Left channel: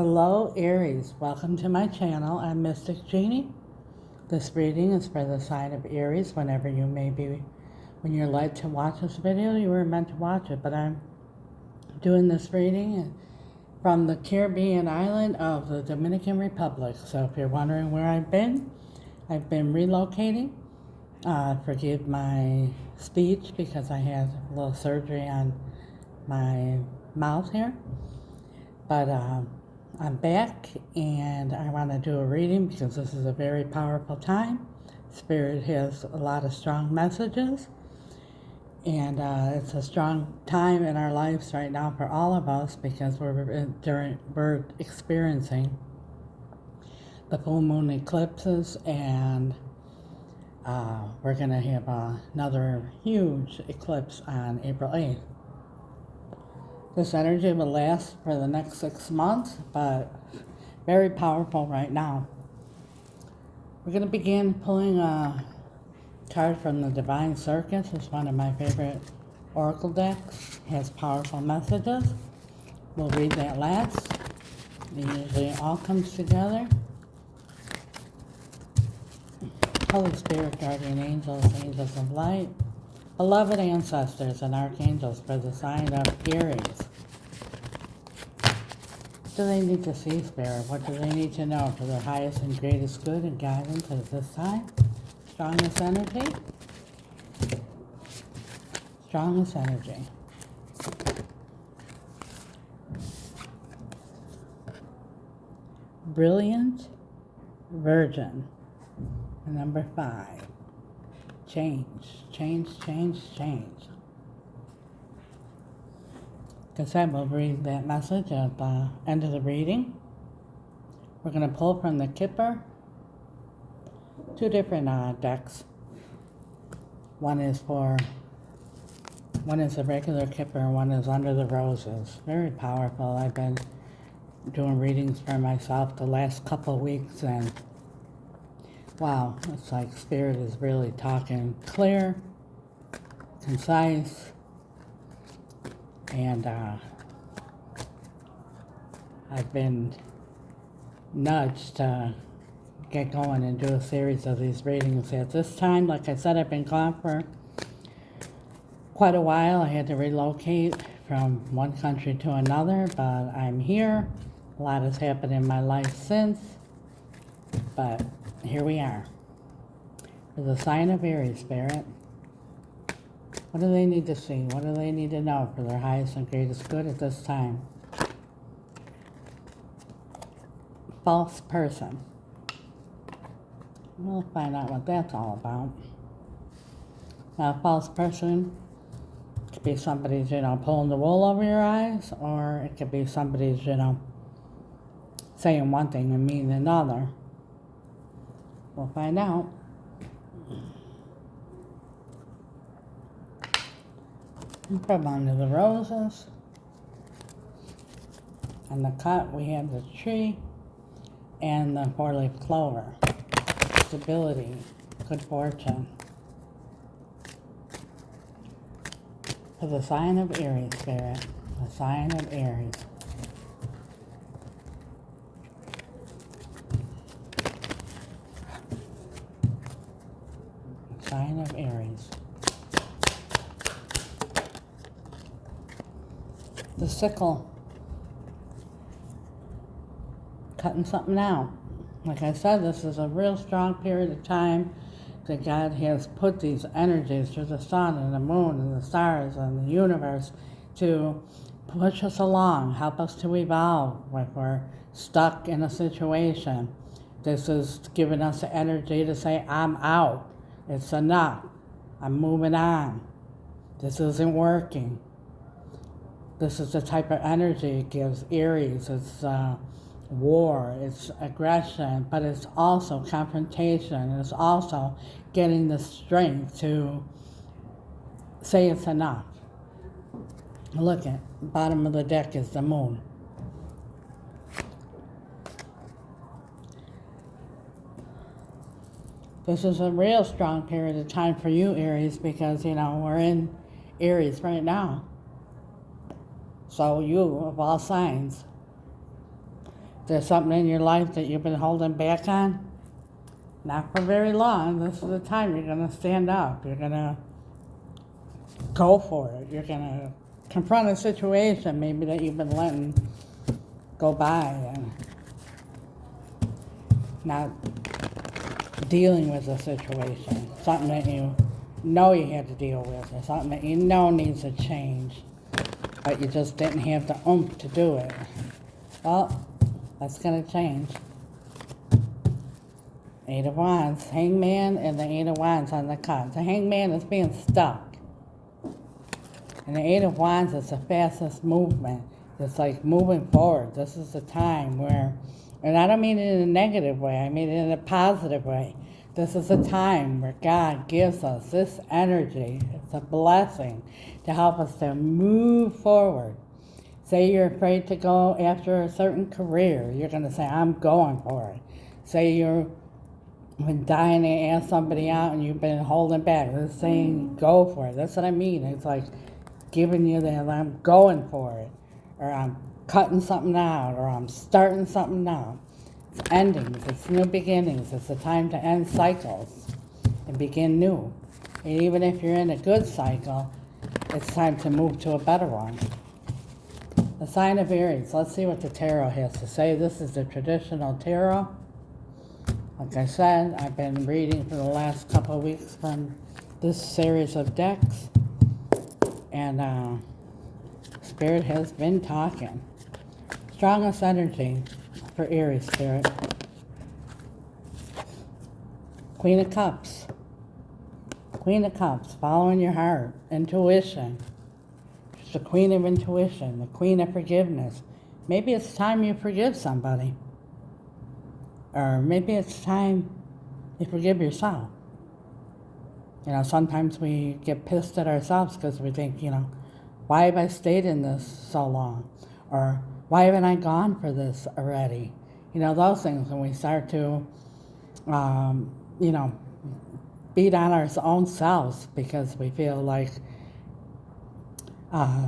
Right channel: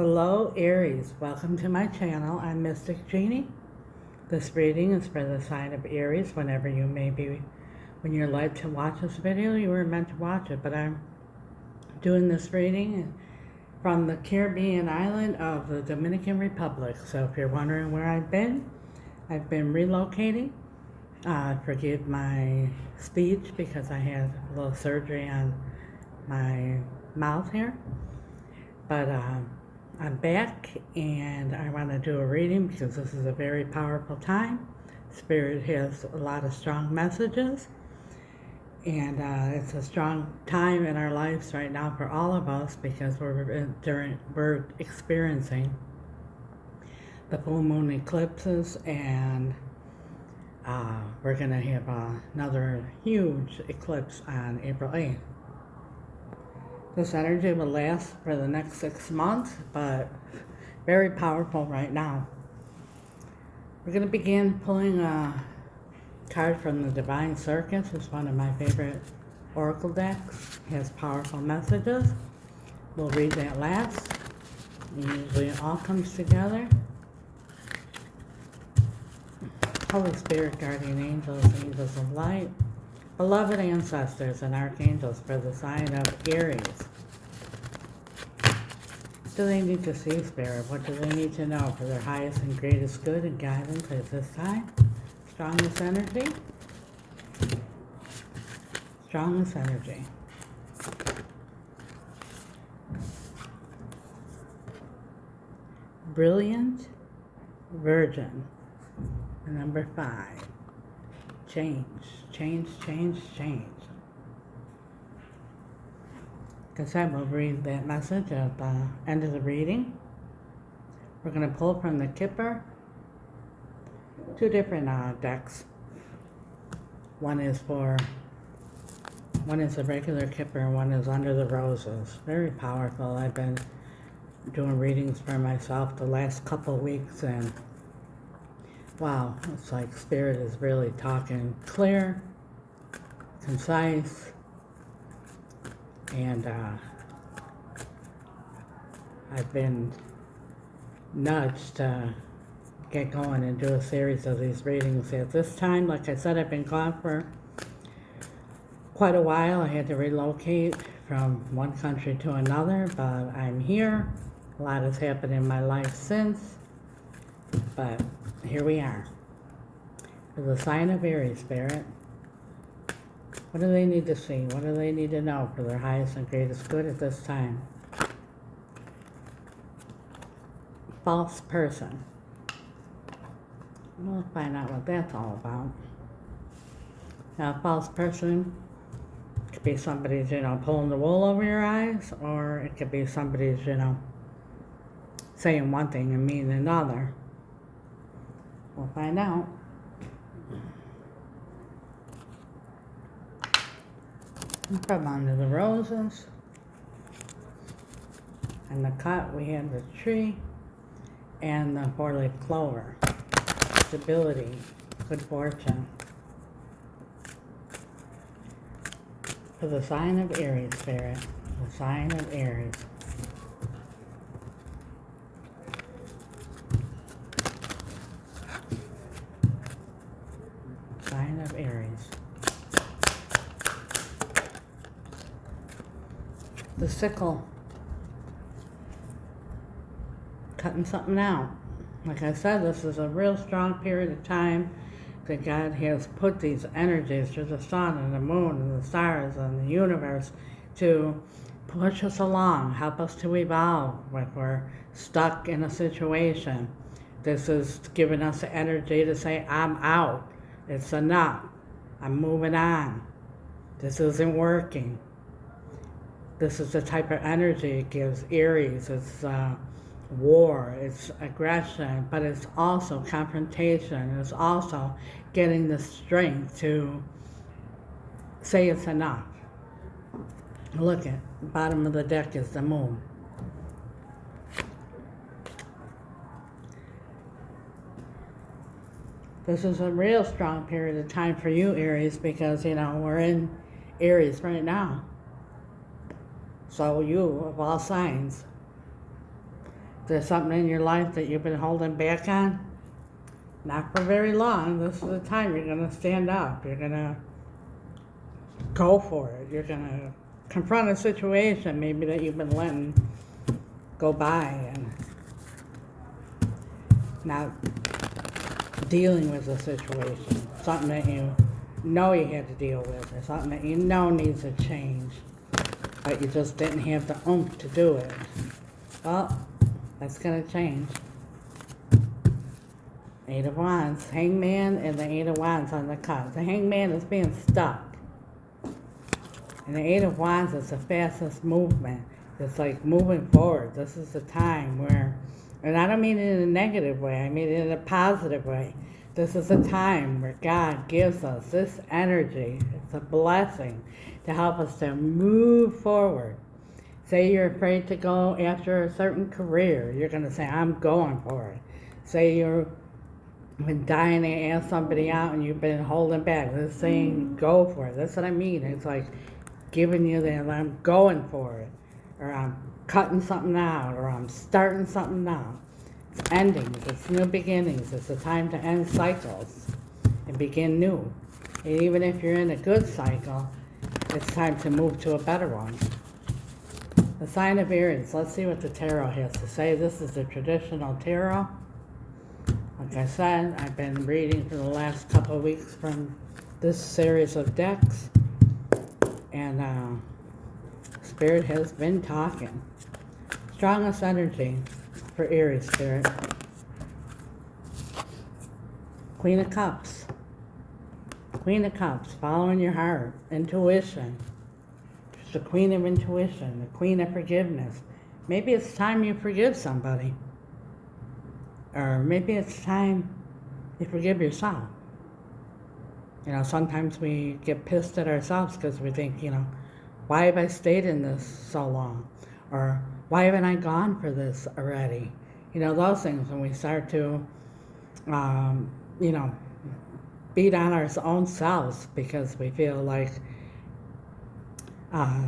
Hello Aries, welcome to my channel. I'm Mystic Genie. This reading is for the sign of Aries. Whenever you may be, when you're led to watch this video, you were meant to watch it. But I'm doing this reading from the Caribbean island of the Dominican Republic. So if you're wondering where I've been relocating. Forgive my speech because I had a little surgery on my mouth here. But I'm back and I want to do a reading because this is a very powerful time. Spirit has a lot of strong messages, and it's a strong time in our lives right now for all of us because we're experiencing the full moon eclipses, and we're going to have another huge eclipse on April 8th. This energy will last for the next 6 months, but very powerful right now. We're going to begin pulling a card from the Divine Circus. It's one of my favorite oracle decks. It has powerful messages. We'll read that last. Usually it all comes together. Holy Spirit, guardian angels, angels of light, beloved ancestors and archangels for the sign of Aries. What do they need to see, Spirit? What do they need to know for their highest and greatest good and guidance at this time? Strongest energy. Strongest energy. Brilliant Virgin. And number 5. Change, change, change, change. Like I said, we'll read that message at the end of the reading. We're going to pull from the Kipper 2 different decks. One is a regular Kipper, one is Under the Roses. Very powerful. I've been doing readings for myself the last couple of weeks, and wow, it's like Spirit is really talking clear, concise, and I've been nudged to get going and do a series of these readings at this time. Like I said, I've been gone for quite a while. I had to relocate from one country to another, but I'm here. A lot has happened in my life since, but here we are. For the sign of Aries, Spirit, what do they need to see? What do they need to know for their highest and greatest good at this time? False person. We'll find out what that's all about. Now, a false person could be somebody's, pulling the wool over your eyes, or it could be somebody's, saying one thing and meaning another. We'll find out. From Under the Roses. And the cut, we have the tree and the 4-leaf clover. Stability, good fortune. For the sign of Aries, Spirit. The sign of Aries. Sign of Aries. The sickle. Cutting something out. Like I said, this is a real strong period of time that God has put these energies through the sun and the moon and the stars and the universe to push us along, help us to evolve if we're stuck in a situation. This is giving us the energy to say, I'm out. It's enough. I'm moving on. This isn't working. This is the type of energy it gives Aries. It's war, it's aggression, but it's also confrontation. It's also getting the strength to say it's enough. Look at the bottom of the deck is the moon. This is a real strong period of time for you, Aries, because, we're in Aries right now. So you, of all signs, There's something in your life that you've been holding back on. Not for very long. This is the time you're going to stand up. You're going to go for it. You're going to confront a situation maybe that you've been letting go by and not dealing with the situation. Something that you know you had to deal with, or something that you know needs to change, but you just didn't have the oomph to do it. Well, that's going to change. Eight of Wands, Hangman, and the Eight of Wands on the cards. The Hangman is being stuck. And the Eight of Wands is the fastest movement. It's like moving forward. This is the time where, and I don't mean it in a negative way, I mean it in a positive way. This is a time where God gives us this energy. It's a blessing to help us to move forward. Say you're afraid to go after a certain career. You're going to say, I'm going for it. Say you've been dying to ask somebody out and you've been holding back. This saying, go for it. That's what I mean. It's like giving you that, I'm going for it. Or I'm cutting something out. Or I'm starting something out. It's endings. It's new beginnings. It's a time to end cycles and begin new. And even if you're in a good cycle, it's time to move to a better one. The sign of Aries. Let's see what the tarot has to say. This is the traditional tarot. Like I said, I've been reading for the last couple of weeks from this series of decks. And Spirit has been talking. Strongest energy for Aries, Spirit. Queen of Cups. Queen of Cups, following your heart. Intuition. The Queen of Intuition, the Queen of Forgiveness. Maybe it's time you forgive somebody. Or maybe it's time you forgive yourself. You know, sometimes we get pissed at ourselves because we think, you know, why have I stayed in this so long? Or why haven't I gone for this already? You know, those things when we start to, you know, beat on our own selves because we feel like,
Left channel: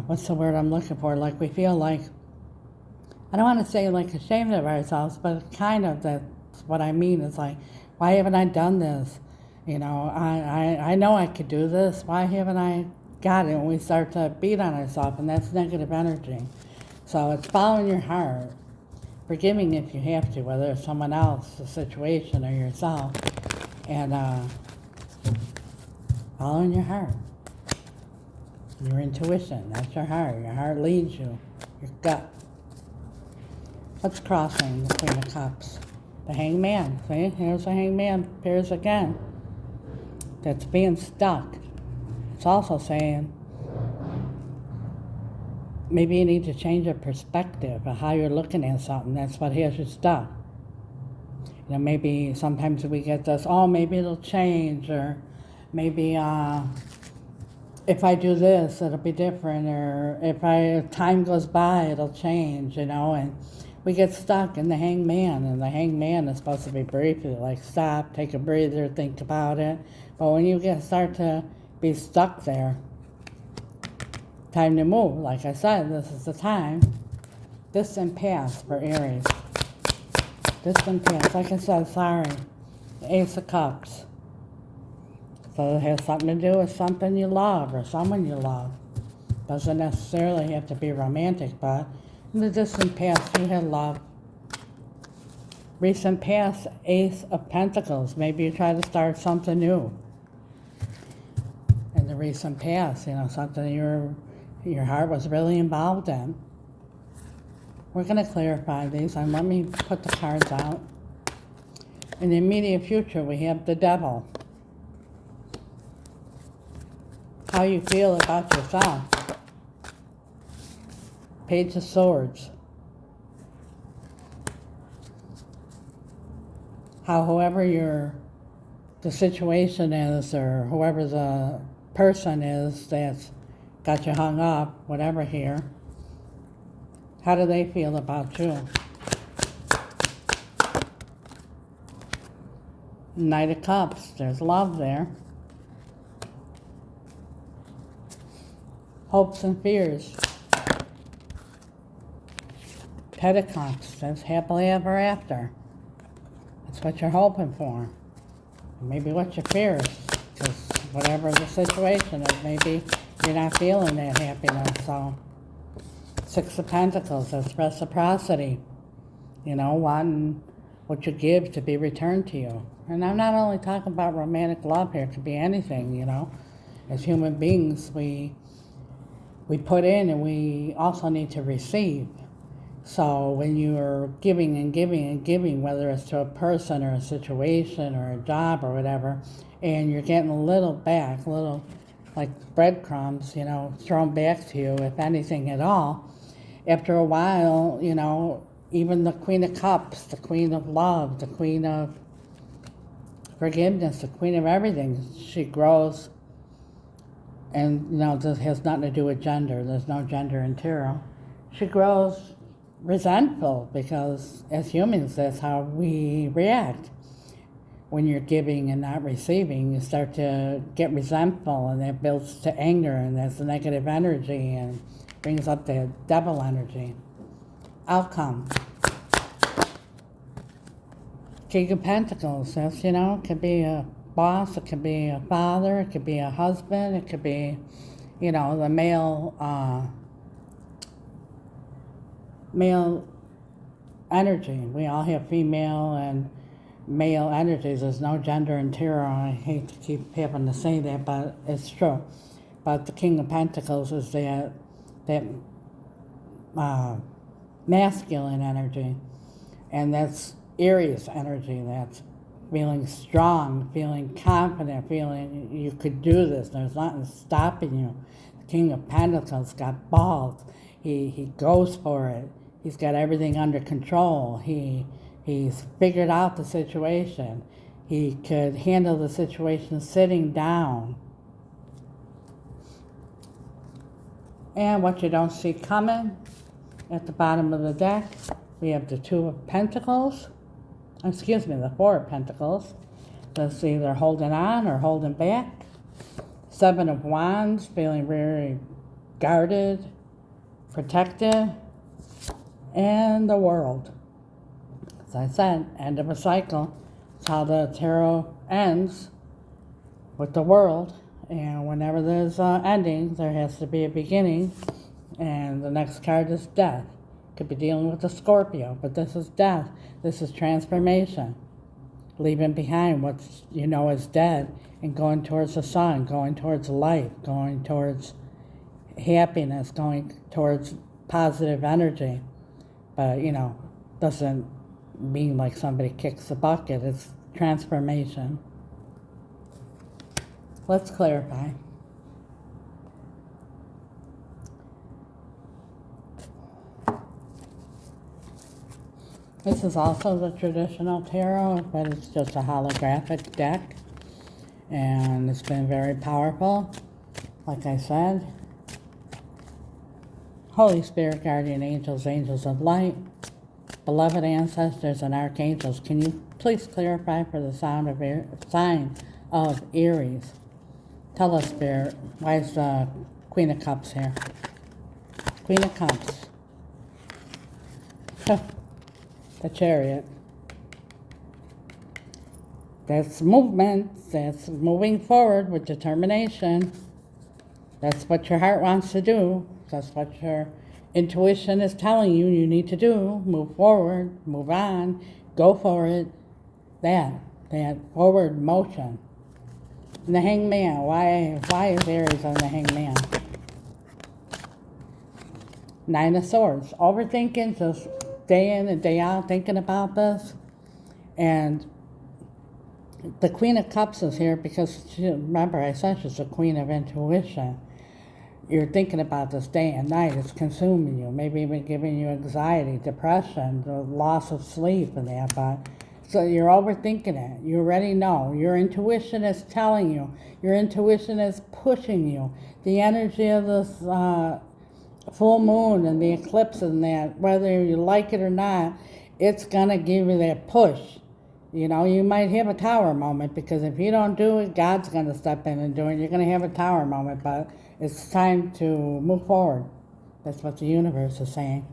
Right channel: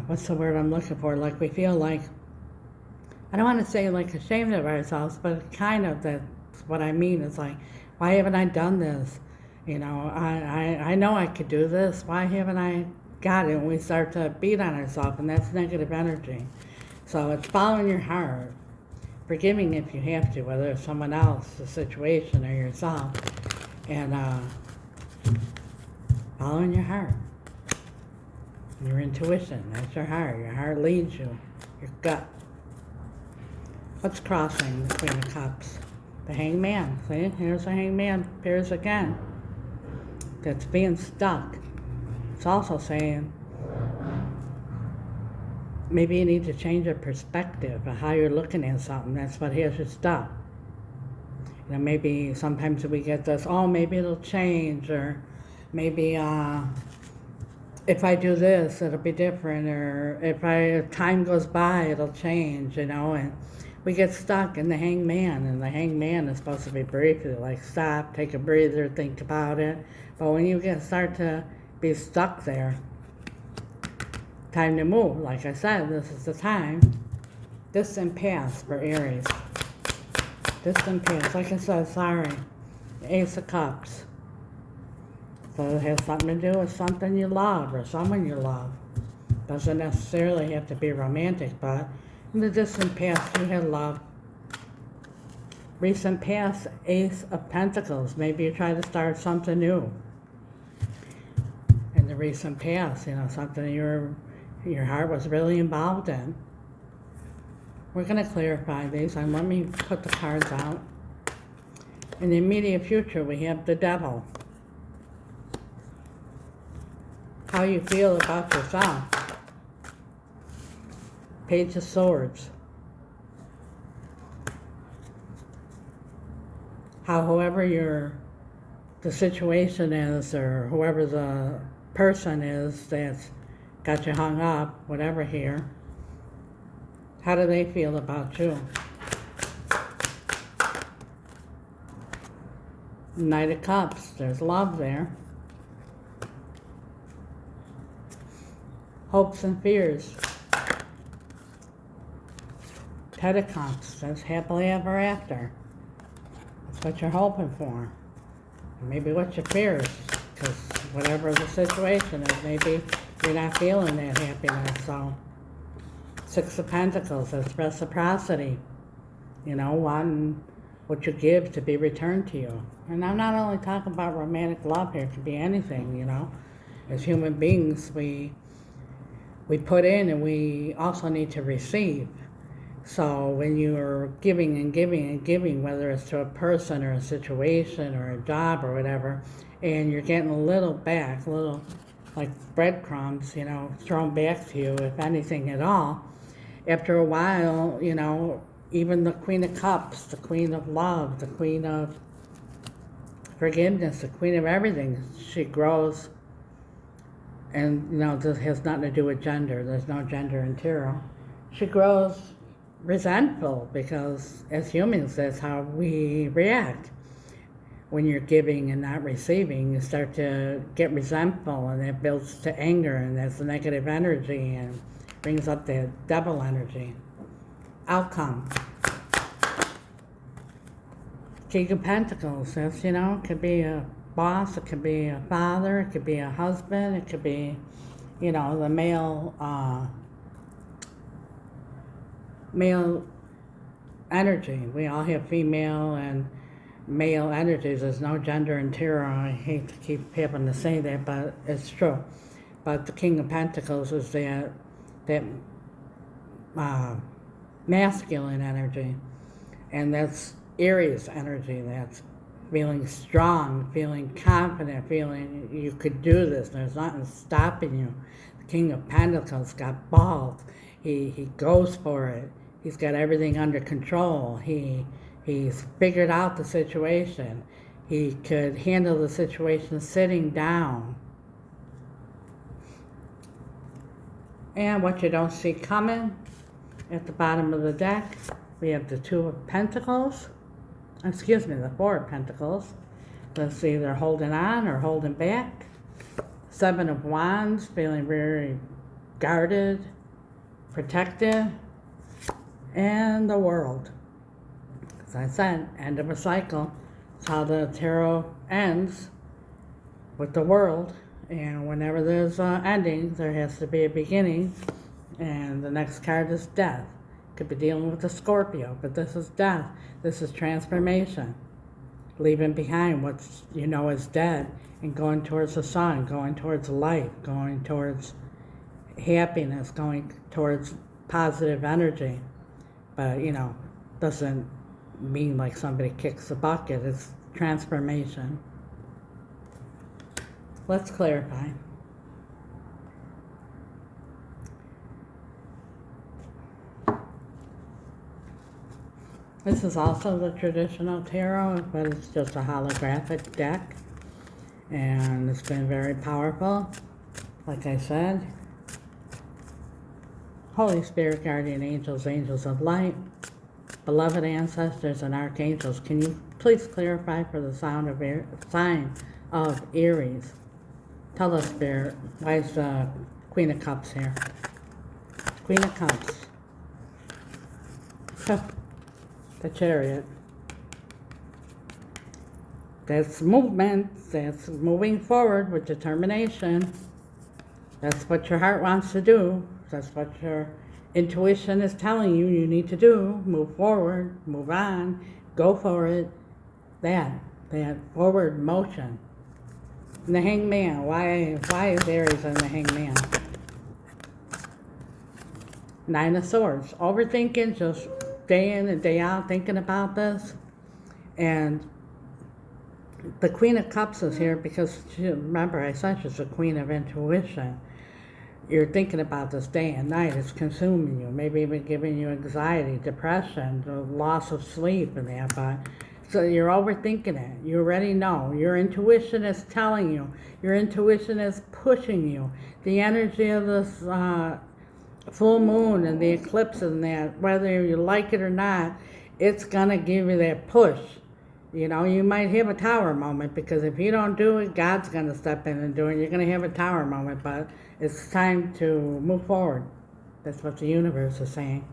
what's the word I'm looking for? Like we feel like, I don't want to say like ashamed of ourselves, but kind of that's what I mean. It's like, why haven't I done this? You know, I know I could do this. Why haven't I got it? And we start to beat on ourselves, and that's negative energy. So it's following your heart, forgiving if you have to, whether it's someone else, the situation, or yourself, and following your heart. Your intuition, that's your heart. Your heart leads you, your gut. What's crossing the Queen of Cups? The Hangman. See, here's the Hangman, appears again. That's being stuck. It's also saying maybe you need to change your perspective of how you're looking at something. That's what has you stuck. You know, maybe sometimes we get this, oh, maybe it'll change, or maybe if I do this, it'll be different, or if time goes by, it'll change, you know, and we get stuck in the Hangman, and the Hangman is supposed to be briefly, like stop, take a breather, think about it, but when you start to be stuck there, time to move. Like I said, this is the time. Distant past for Aries. Distant past, like I said, sorry, Ace of Cups. So it has something to do with something you love or someone you love. Doesn't necessarily have to be romantic, but in the distant past you had love. Recent past, Ace of Pentacles. Maybe you try to start something new. In the recent past, you know, something your heart was really involved in. We're going to clarify these, and let me put the cards out. In the immediate future, we have the Devil. How you feel about yourself. Page of Swords. How whoever the situation is, or whoever the person is that's got you hung up, whatever here, how do they feel about you? Knight of Cups, there's love there. Hopes and fears. Ten of Cups, that's happily ever after. That's what you're hoping for. Maybe what your fears, because whatever the situation is, maybe you're not feeling that happiness. So, Six of Pentacles, that's reciprocity. You know, wanting what you give to be returned to you. And I'm not only talking about romantic love here, it could be anything, you know. As human beings, we put in and we also need to receive. So when you're giving and giving and giving, whether it's to a person or a situation or a job or whatever, and you're getting a little back, a little like breadcrumbs, you know, thrown back to you, if anything at all, after a while, you know, even the Queen of Cups, the Queen of Love, the Queen of Forgiveness, the Queen of everything, she grows. And, you know, this has nothing to do with gender. There's no gender in tarot. She grows resentful because as humans, that's how we react. When you're giving and not receiving, you start to get resentful, and that builds to anger, and that's negative energy and brings up the devil energy. Outcome. King of Pentacles, that's, you know, it could be a boss, it could be a father, it could be a husband, it could be, you know, the male energy. We all have female and male energies. There's no gender in tarot. I hate to keep having to say that, but it's true. But the King of Pentacles is that masculine energy, and that's Aries energy. That's feeling strong, feeling confident, feeling you could do this. There's nothing stopping you. The King of Pentacles got balls. He goes for it. He's got everything under control. He's figured out the situation. He could handle the situation sitting down. And what you don't see coming, at the bottom of the deck, we have the Two of Pentacles. Excuse me, the Four of Pentacles. That's either holding on or holding back. Seven of Wands, feeling very guarded, protected. And the World. As I said, end of a cycle. That's how the tarot ends, with the World. And whenever there's an ending, there has to be a beginning. And the next card is Death. Could be dealing with a Scorpio, but this is death. This is transformation. Leaving behind what you know is dead and going towards the sun, going towards life, going towards happiness, going towards positive energy. But, you know, doesn't mean like somebody kicks a bucket. It's transformation. Let's clarify. This is also the traditional tarot, but it's just a holographic deck. And it's been very powerful. Like I said, Holy Spirit, guardian angels, angels of light, beloved ancestors, and archangels, can you please clarify for the sign of Aries? Tell us, Spirit, why is the Queen of Cups here? Queen of Cups. The Chariot. That's movement. That's moving forward with determination. That's what your heart wants to do. That's what your intuition is telling you need to do. Move forward, move on, go for it. That forward motion. And the Hangman. Why is Aries on the Hangman? Nine of Swords. Overthinking, just day in and day out thinking about this. And the Queen of Cups is here because, remember, I said she's the Queen of Intuition. You're thinking about this day and night. It's consuming you, maybe even giving you anxiety, depression, the loss of sleep and that. But so you're overthinking it. You already know. Your intuition is telling you. Your intuition is pushing you. The energy of this full moon and the eclipse and that, whether you like it or not, it's going to give you that push. You know, you might have a tower moment, because if you don't do it, God's going to step in and do it. You're going to have a tower moment, but it's time to move forward. That's what the universe is saying.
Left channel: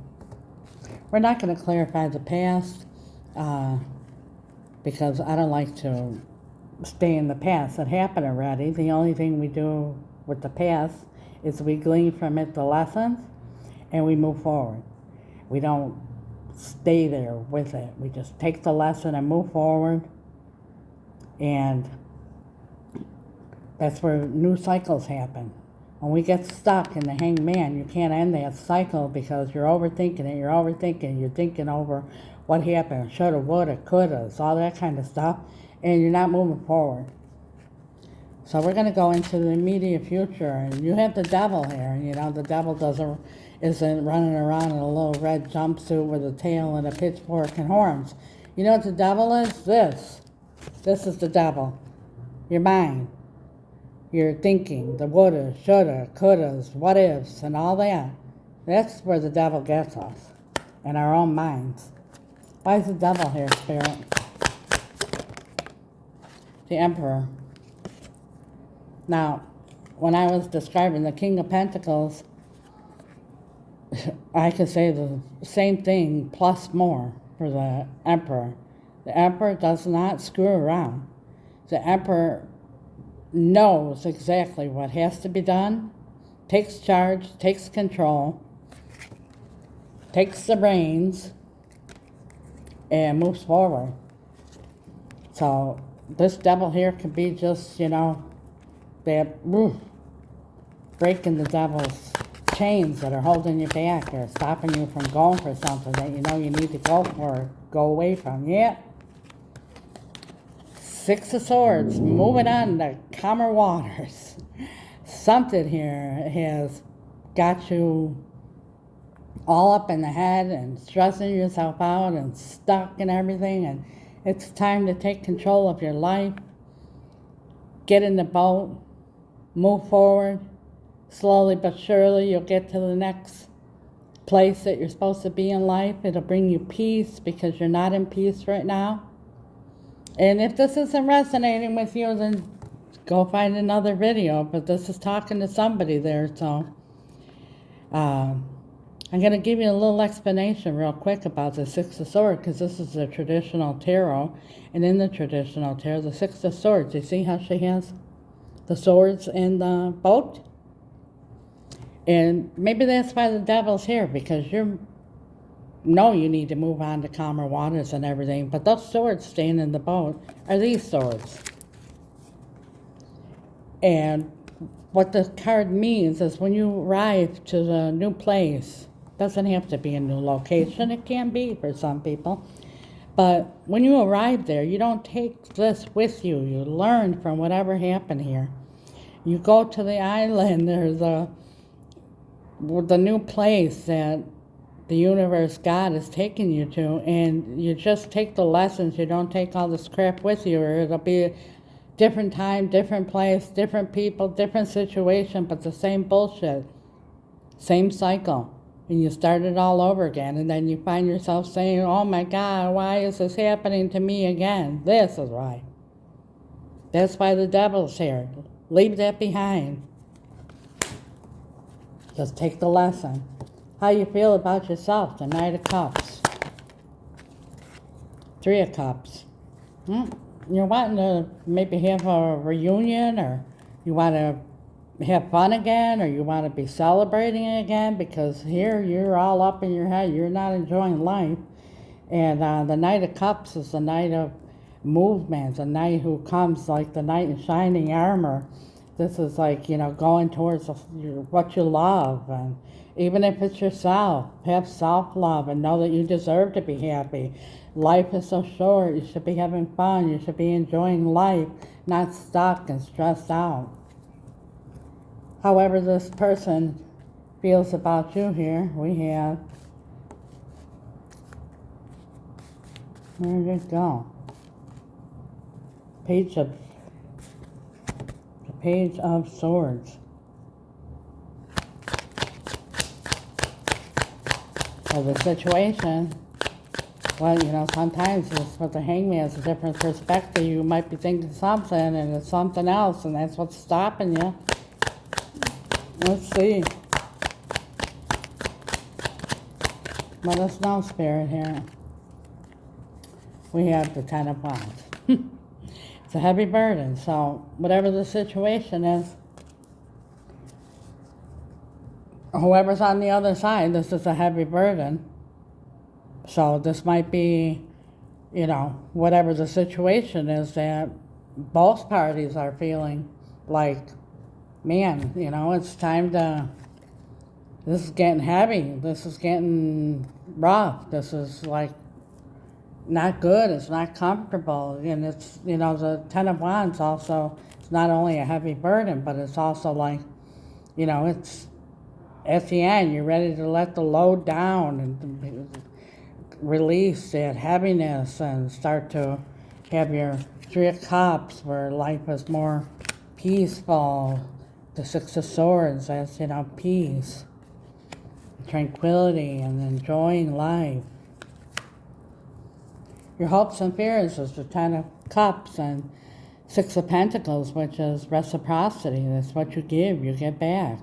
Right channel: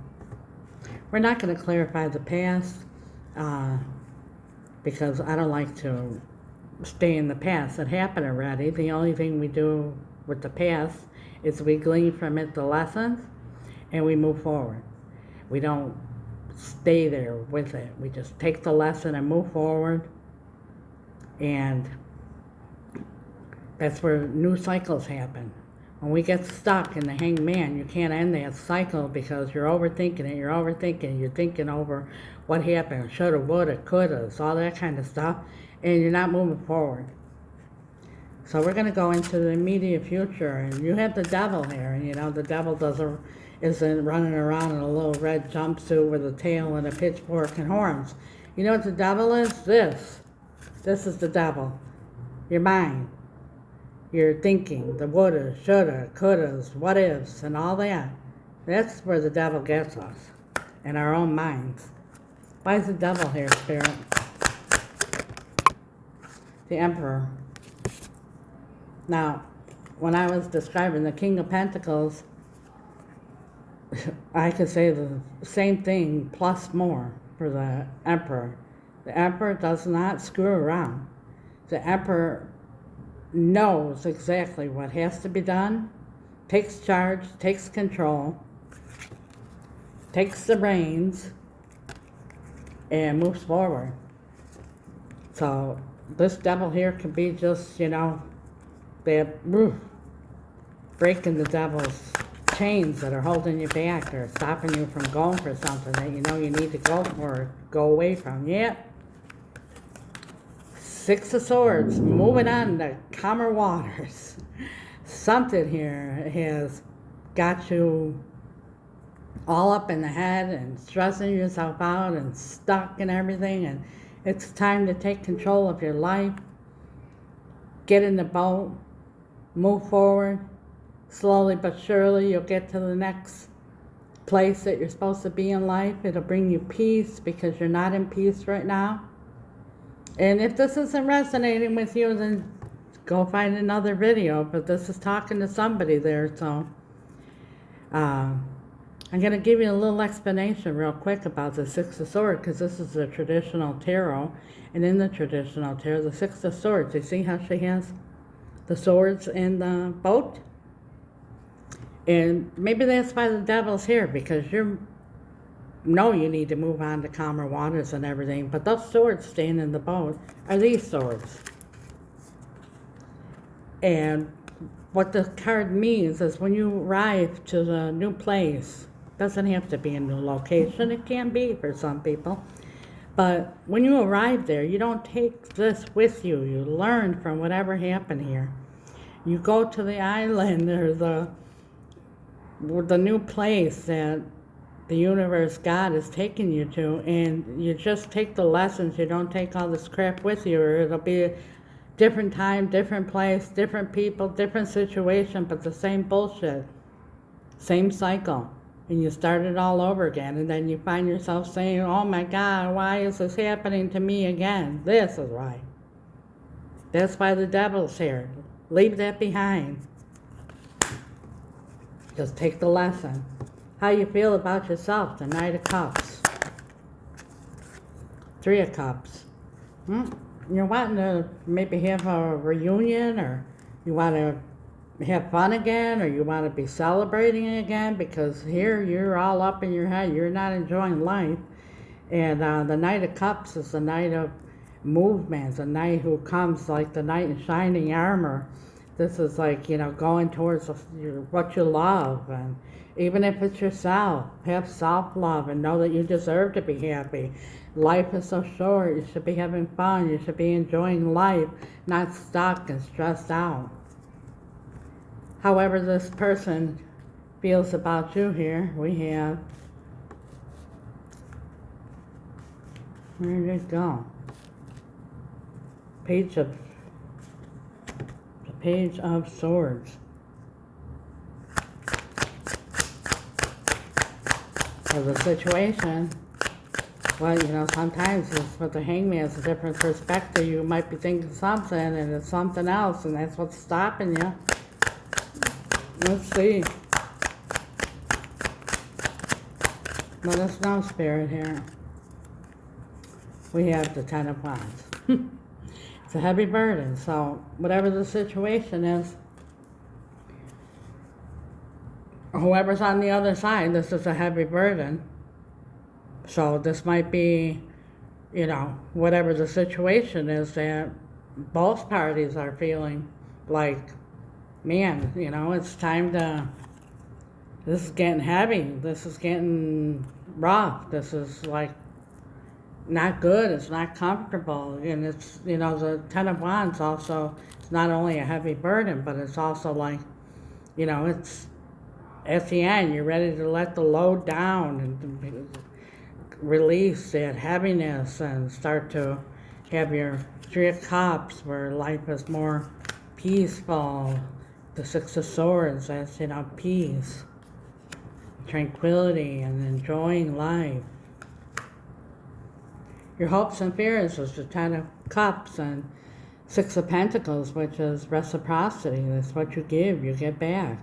We're not going to clarify the past because I don't like to stay in the past. It happened already. The only thing we do with the past is we glean from it the lessons and we move forward. We don't stay there with it. We just take the lesson and move forward. And that's where new cycles happen. When we get stuck in the hangman, you can't end that cycle because you're overthinking it, you're thinking over what happened, shoulda, woulda, coulda, all that kind of stuff, and you're not moving forward. So we're going to go into the immediate future, and you have the devil here. You know, the devil isn't running around in a little red jumpsuit with a tail and a pitchfork and horns. You know what the devil is? This is the devil. Your mind. Your thinking, the woulda, shoulda, couldas, what ifs, and all that. That's where the devil gets us, in our own minds. Why is the devil here, Spirit? The Emperor. Now, when I was describing the King of Pentacles, I could say the same thing plus more for the Emperor. The Emperor does not screw around. The Emperor knows exactly what has to be done, takes charge, takes control, takes the reins, and moves forward. So this devil here could be just, you know, breaking the devil's chains that are holding you back or stopping you from going for something that you know you need to go for, go away from. Yeah. Six of Swords, moving on to calmer waters. Something here has got you all up in the head and stressing yourself out and stuck and everything, and it's time to take control of your life. Get in the boat, move forward. Slowly but surely you'll get to the next place that you're supposed to be in life. It'll bring you peace because you're not in peace right now. And if this isn't resonating with you, then go find another video. But this is talking to somebody there, so I'm going to give you a little explanation real quick about the Six of Swords, because this is the traditional tarot. And in the traditional tarot, the Six of Swords, you see how she has the swords in the boat? And maybe that's why the devil's here, because you know you need to move on to calmer waters and everything, but those swords staying in the boat are these swords. And what the card means is when you arrive to the new place, doesn't have to be a new location, it can be for some people, but when you arrive there, you don't take this with you. You learn from whatever happened here. You go to the island or the new place that the universe, God, is taking you to, and you just take the lessons. You don't take all this crap with you, or it'll be a different time, different place, different people, different situation, but the same bullshit, same cycle. And you start it all over again, and then you find yourself saying, oh my God, why is this happening to me again? This is why. That's why the devil's here. Leave that behind. Just take the lesson. How you feel about yourself, the Knight of Cups. Three of Cups. You're wanting to maybe have a reunion, or you want to have fun again, or you want to be celebrating again, because here you're all up in your head. You're not enjoying life. And the Knight of Cups is the Knight of movement, a knight who comes like the knight in shining armor. This is like, you know, going towards what you love, and even if it's yourself, have self-love and know that you deserve to be happy. Life is so short. You should be having fun. You should be enjoying life, not stuck and stressed out. However this person feels about you here, we have, where did it go? Page of Swords. So the situation, well, you know, sometimes it's with the Hangman, it's a different perspective. You might be thinking something and it's something else, and that's what's stopping you. Let's see. Let us know, Spirit, here. We have the Ten of Wands. It's a heavy burden, so whatever the situation is, whoever's on the other side, this is a heavy burden. So this might be, you know, whatever the situation is that both parties are feeling like, man, you know, it's time to, this is getting heavy. This is getting rough. This is like not good. It's not comfortable. And it's, you know, the Ten of Wands also, it's not only a heavy burden, but it's also like, you know, it's at the end, you're ready to let the load down and release that heaviness and start to have your Three of Cups where life is more peaceful. The Six of Swords, that's, you know, peace, tranquility, and enjoying life. Your hopes and fears is the Ten of Cups and Six of Pentacles, which is reciprocity. That's what you give, you get back.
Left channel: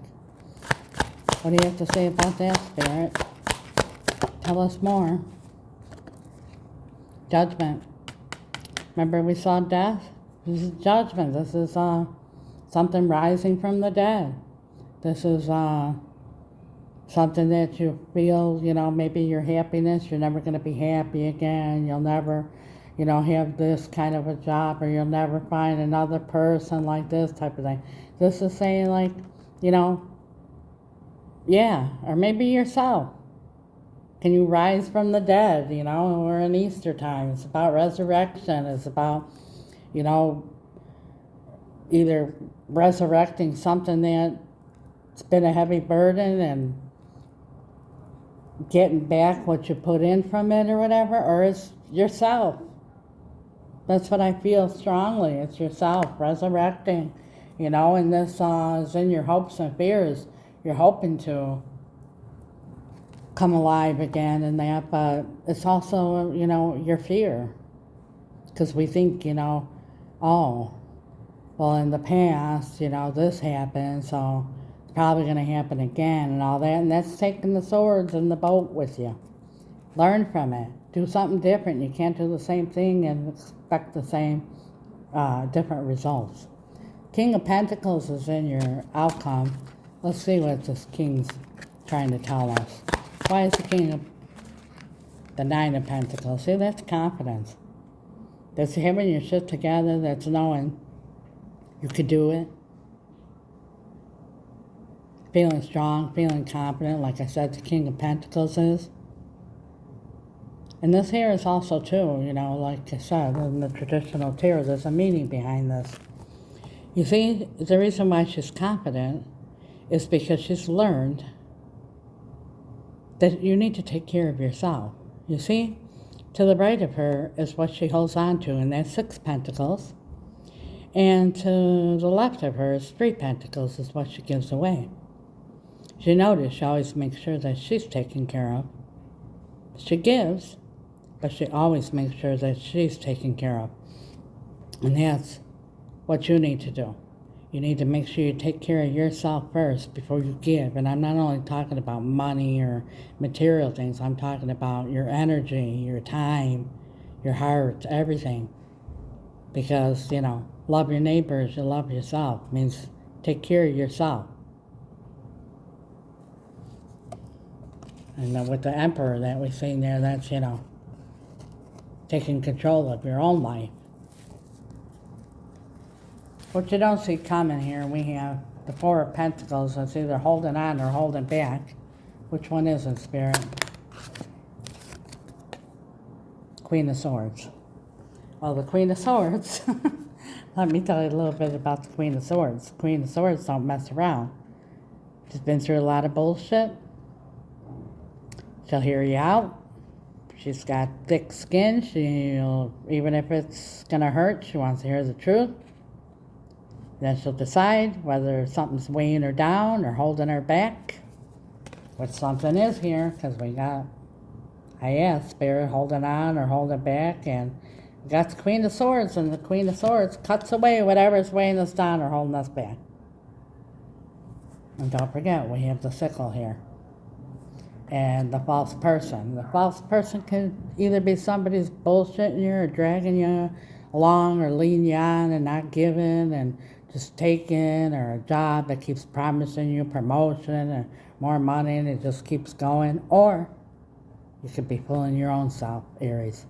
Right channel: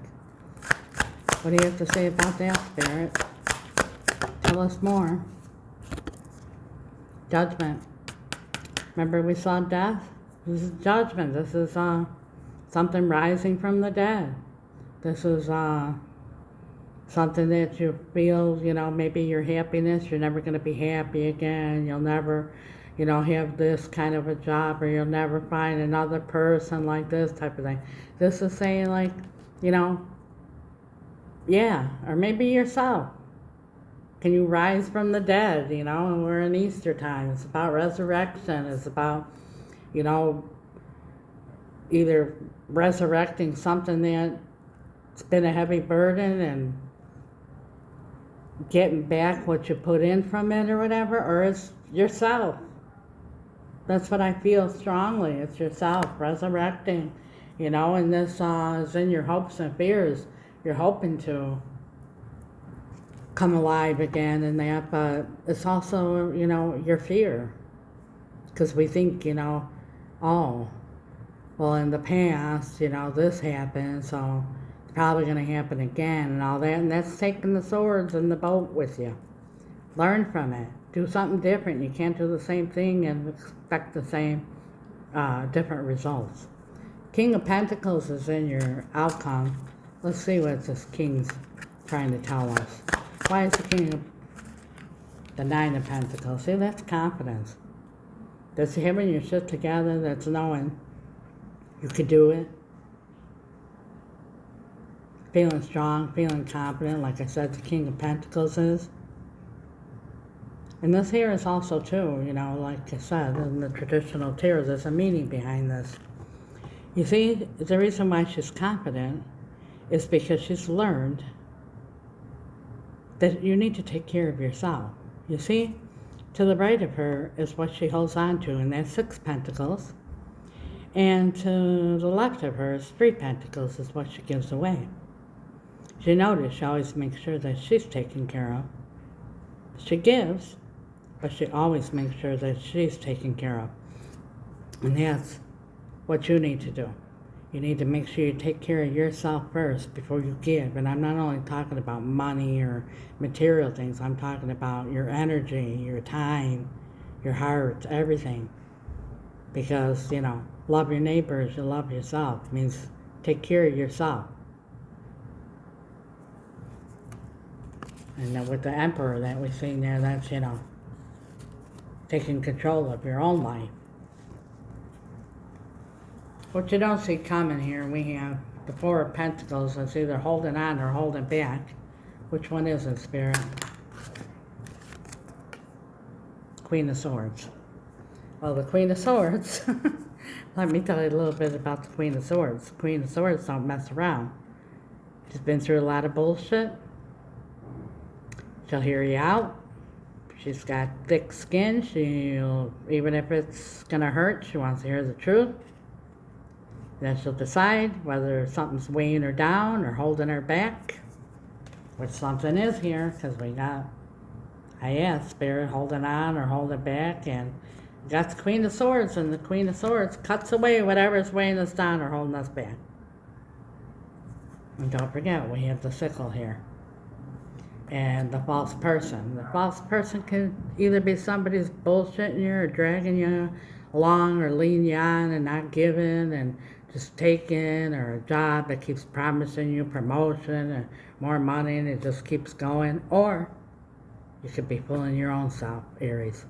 What do you have to say about that, Spirit? Tell us more. Judgment. Remember we saw death? This is judgment. This is something rising from the dead. This is something that you feel, you know, maybe your happiness, you're never going to be happy again. You'll never, you know, have this kind of a job, or you'll never find another person like this type of thing. This is saying like, you know, yeah, or maybe yourself. Can you rise from the dead? You know, we're in Easter time. It's about resurrection. It's about, you know, either resurrecting something that's been a heavy burden and getting back what you put in from it or whatever, or it's yourself. That's what I feel strongly. It's yourself resurrecting, you know, and this is in your hopes and fears. You're hoping to come alive again and that, but it's also, you know, your fear. Because we think, you know, oh, well, in the past, you know, this happened, so it's probably going to happen again and all that. And that's taking the swords in the boat with you. Learn from it. Do something different. You can't do the same thing and expect the same different results. King of Pentacles is in your outcome. Let's see what this King's trying to tell us. Why is the King of the Nine of Pentacles? See, that's confidence. That's having your shit together. That's knowing you could do it. Feeling strong, feeling confident, like I said, the King of Pentacles is. And this here is also too, you know, like I said, in the traditional tarot, there's a meaning behind this. You see, the reason why she's confident is because she's learned that you need to take care of yourself. You see, to the right of her is what she holds on to, and that's Six Pentacles. And to the left of her is Three Pentacles, is what she gives away. She notice she always makes sure that she's taken care of. She gives, but she always makes sure that she's taken care of. And that's what you need to do. You need to make sure you take care of yourself first before you give. And I'm not only talking about money or material things. I'm talking about your energy, your time, your heart, everything. Because, you know, love your neighbors, you love yourself. It means take care of yourself. And then with the Emperor that we've seen there, that's, you know, taking control of your own life. What you don't see coming here, we have the Four of Pentacles. It's either holding on or holding back. Which one is it, Spirit? Queen of Swords. Well, the Queen of Swords, let me tell you a little bit about the Queen of Swords. The Queen of Swords don't mess around. She's been through a lot of bullshit. She'll hear you out. She's got thick skin. She'll, even if it's gonna hurt, she wants to hear the truth. Then she'll decide whether something's weighing her down or holding her back. Which something is here, because we got, I asked, Spirit holding on or holding back, and we got the Queen of Swords, and the Queen of Swords cuts away whatever's weighing us down or holding us back. And don't forget, we have the sickle here. and the false person. The false person can either be somebody's bullshitting you or dragging you along or leading you on and not giving and just taking, or a job that keeps promising you promotion or more money and it just keeps going. Or you could be fooling your own self, Aries.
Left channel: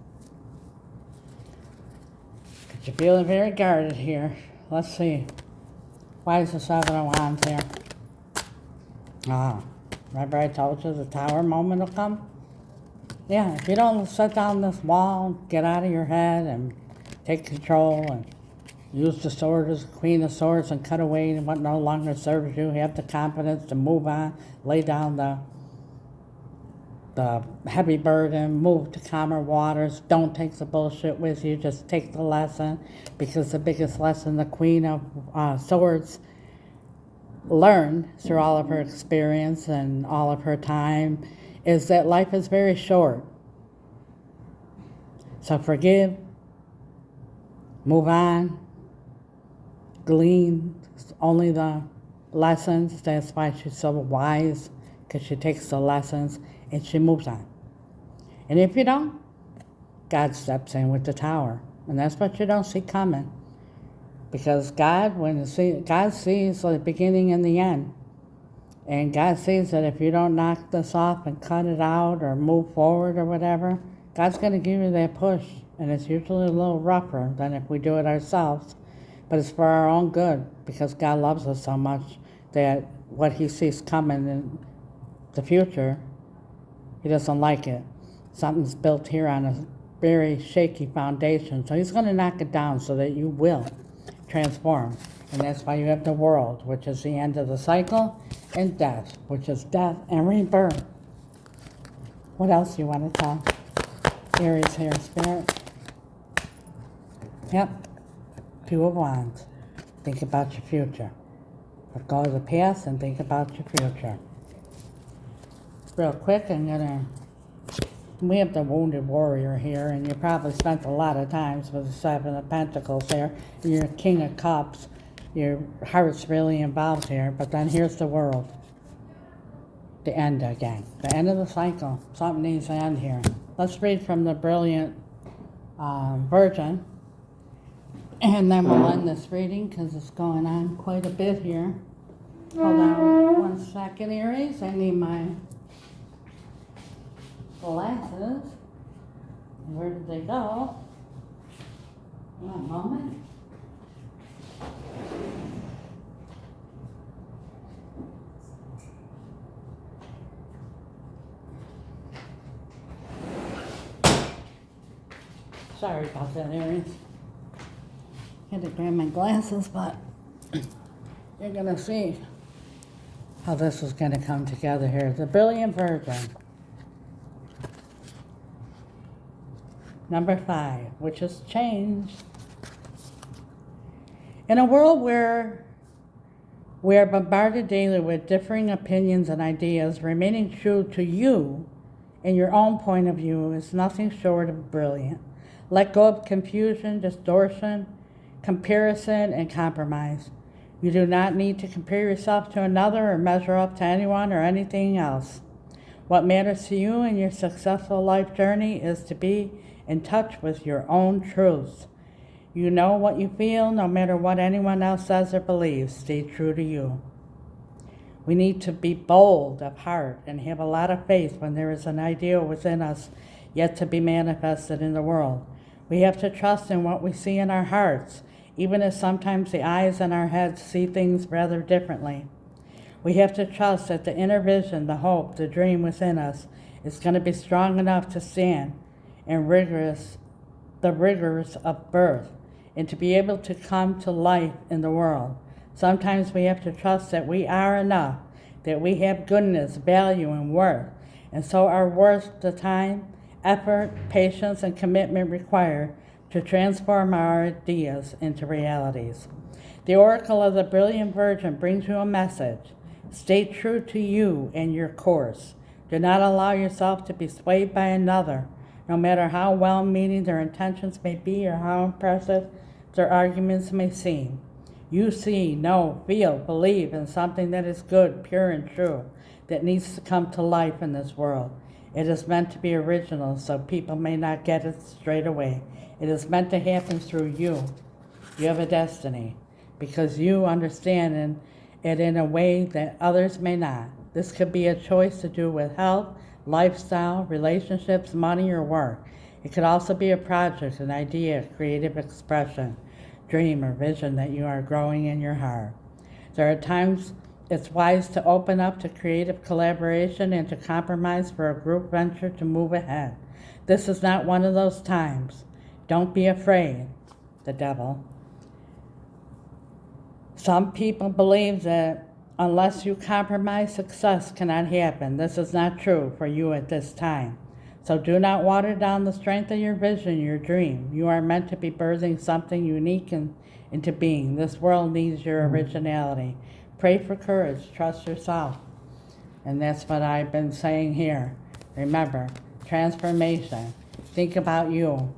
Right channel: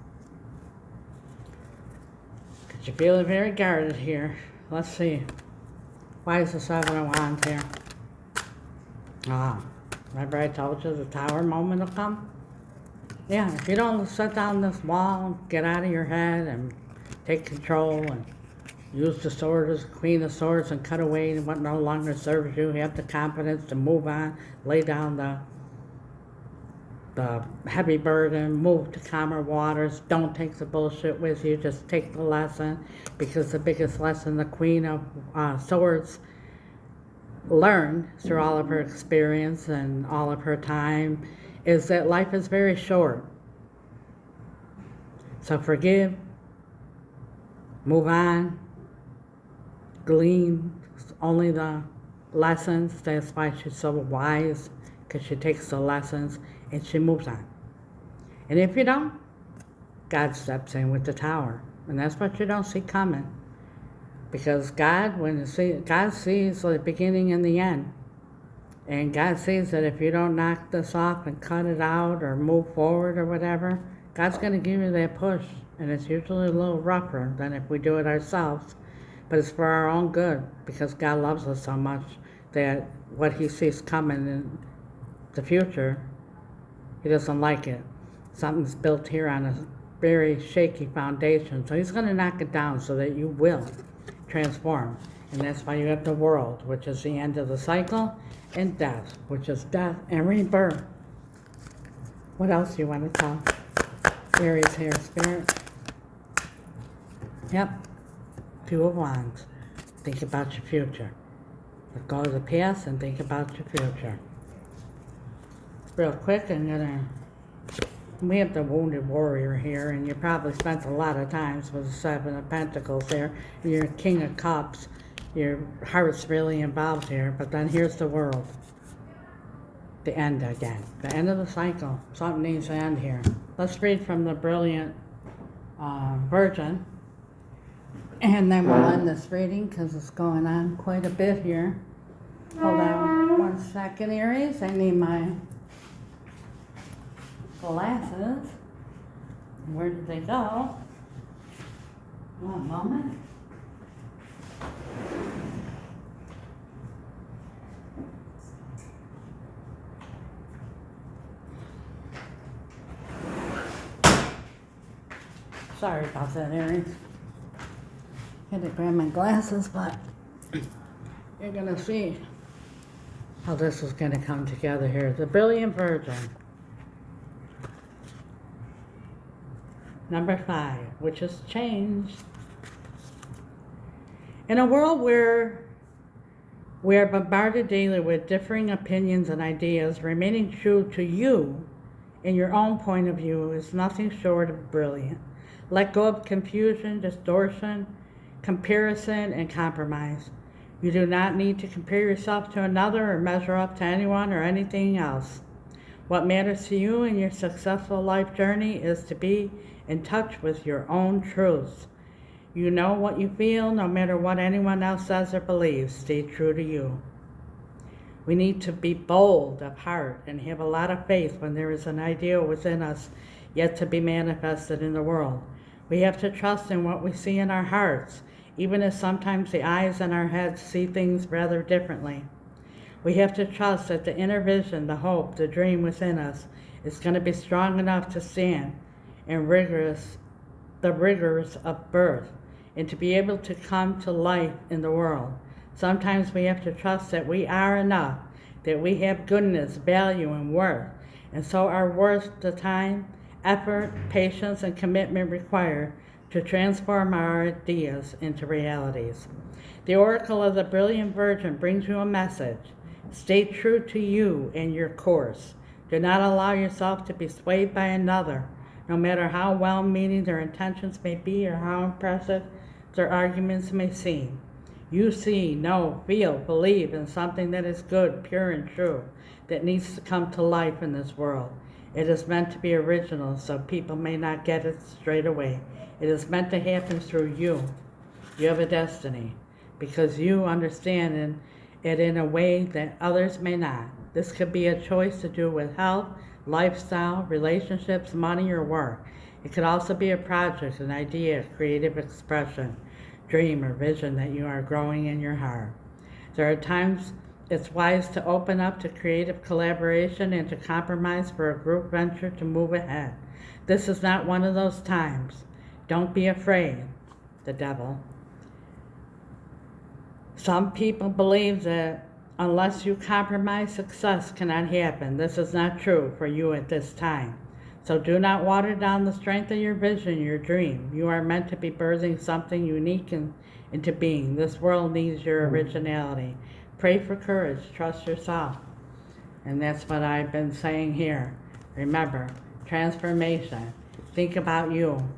Because you're feeling very guarded here. Let's see. Why is the Seven of Wands here? Remember I told you the Tower moment will come? Yeah, if you don't set down this wall, get out of your head and take control and use the sword as the Queen of Swords and cut away what no longer serves you, have the confidence to move on, lay down the heavy burden, move to calmer waters, don't take the bullshit with you, just take the lesson, because the biggest lesson the Queen of Swords learned through all of her experience and all of her time is that life is very short. So forgive, move on, glean only the lessons. That's why she's so wise, because she takes the lessons and she moves on. And if you don't, God steps in with the Tower. And that's what you don't see coming. Because God sees the beginning and the end. And God sees that if you don't knock this off and cut it out or move forward or whatever, God's going to give you that push. And it's usually a little rougher than if we do it ourselves. But it's for our own good, because God loves us so much that what he sees coming in the future, he doesn't like it. Something's built here on a very shaky foundation. So he's going to knock it down so that you will transform. And that's why you have the World, which is the end of the cycle, and Death, which is death and rebirth. What else do you want to tell Aries here, Spirit? Yep. Two of Wands. Think about your future. Let go of the past and think about your future. Real quick, we have the Wounded Warrior here, and you probably spent a lot of times with the Seven of Pentacles there, and your King of Cups. Your heart's really involved here, but then here's the World. The end again. The end of the cycle. Something needs to end here. Let's read from the Brilliant Virgin, and then we'll end this reading because it's going on quite a bit here. Hold on one second, Aries. I need my glasses. Where did they go? One moment. Sorry about that, Aries. Had to grab my glasses, but you're going to see how this is going to come together here. The Brilliant Virgin. Number 5, which is change. In a world where we are bombarded daily with differing opinions and ideas, remaining true to you and your own point of view is nothing short of brilliant. Let go of confusion, distortion, comparison, and compromise. You do not need to compare yourself to another or measure up to anyone or anything else. What matters to you in your successful life journey is to be in touch with your own truths. You know what you feel, no matter what anyone else says or believes. Stay true to you. We need to be bold of heart and have a lot of faith when there is an ideal within us yet to be manifested in the world. We have to trust in what we see in our hearts, even if sometimes the eyes in our heads see things rather differently. We have to trust that the inner vision, the hope, the dream within us is going to be strong enough to stand in the rigors of birth and to be able to come to life in the world. Sometimes we have to trust that we are enough, that we have goodness, value, and worth, and so are worth the time, effort, patience, and commitment required to transform our ideas into realities. The Oracle of the Brilliant Virgin brings you a message. Stay true to you and your course. Do not allow yourself to be swayed by another, no matter how well-meaning their intentions may be or how impressive their arguments may seem. You see, know, feel, believe in something that is good, pure, and true. that needs to come to life in this world. It is meant to be original, so people may not get it straight away. It is meant to happen through you. You have a destiny because you understand it in a way that others may not. This could be a choice to do with health, lifestyle, relationships, money, or work. It could also be a project, an idea, creative expression, dream, or vision that you are growing in your heart. There are times it's wise to open up to creative collaboration and to compromise for a group venture to move ahead. This is not one of those times. Don't be afraid, the devil. Some people believe that unless you compromise, success cannot happen. This is not true for you at this time. So do not water down the strength of your vision, your dream. You are meant to be birthing something unique into being. This world needs your originality. Pray for courage. Trust yourself. And that's what I've been saying here. Remember, transformation. Think about you.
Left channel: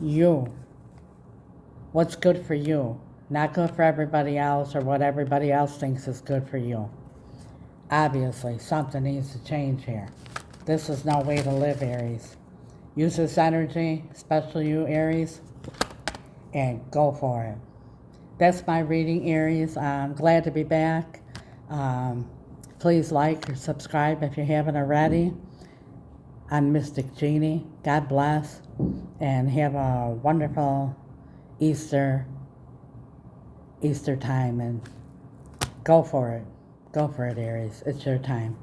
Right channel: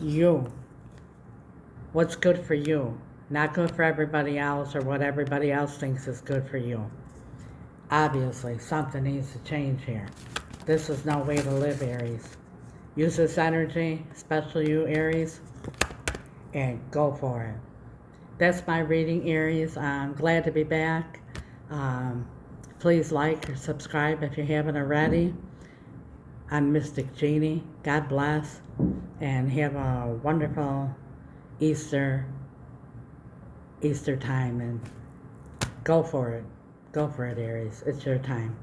You. What's good for you. Not good for everybody else or what everybody else thinks is good for you. Obviously, something needs to change here. This is no way to live, Aries. Use this energy, especially you, Aries, and go for it. That's my reading, Aries. I'm glad to be back. Please like or subscribe if you haven't already. I'm Mystic Genie. God bless, and have a wonderful Easter time, and go for it. Go for it, Aries. It's your time.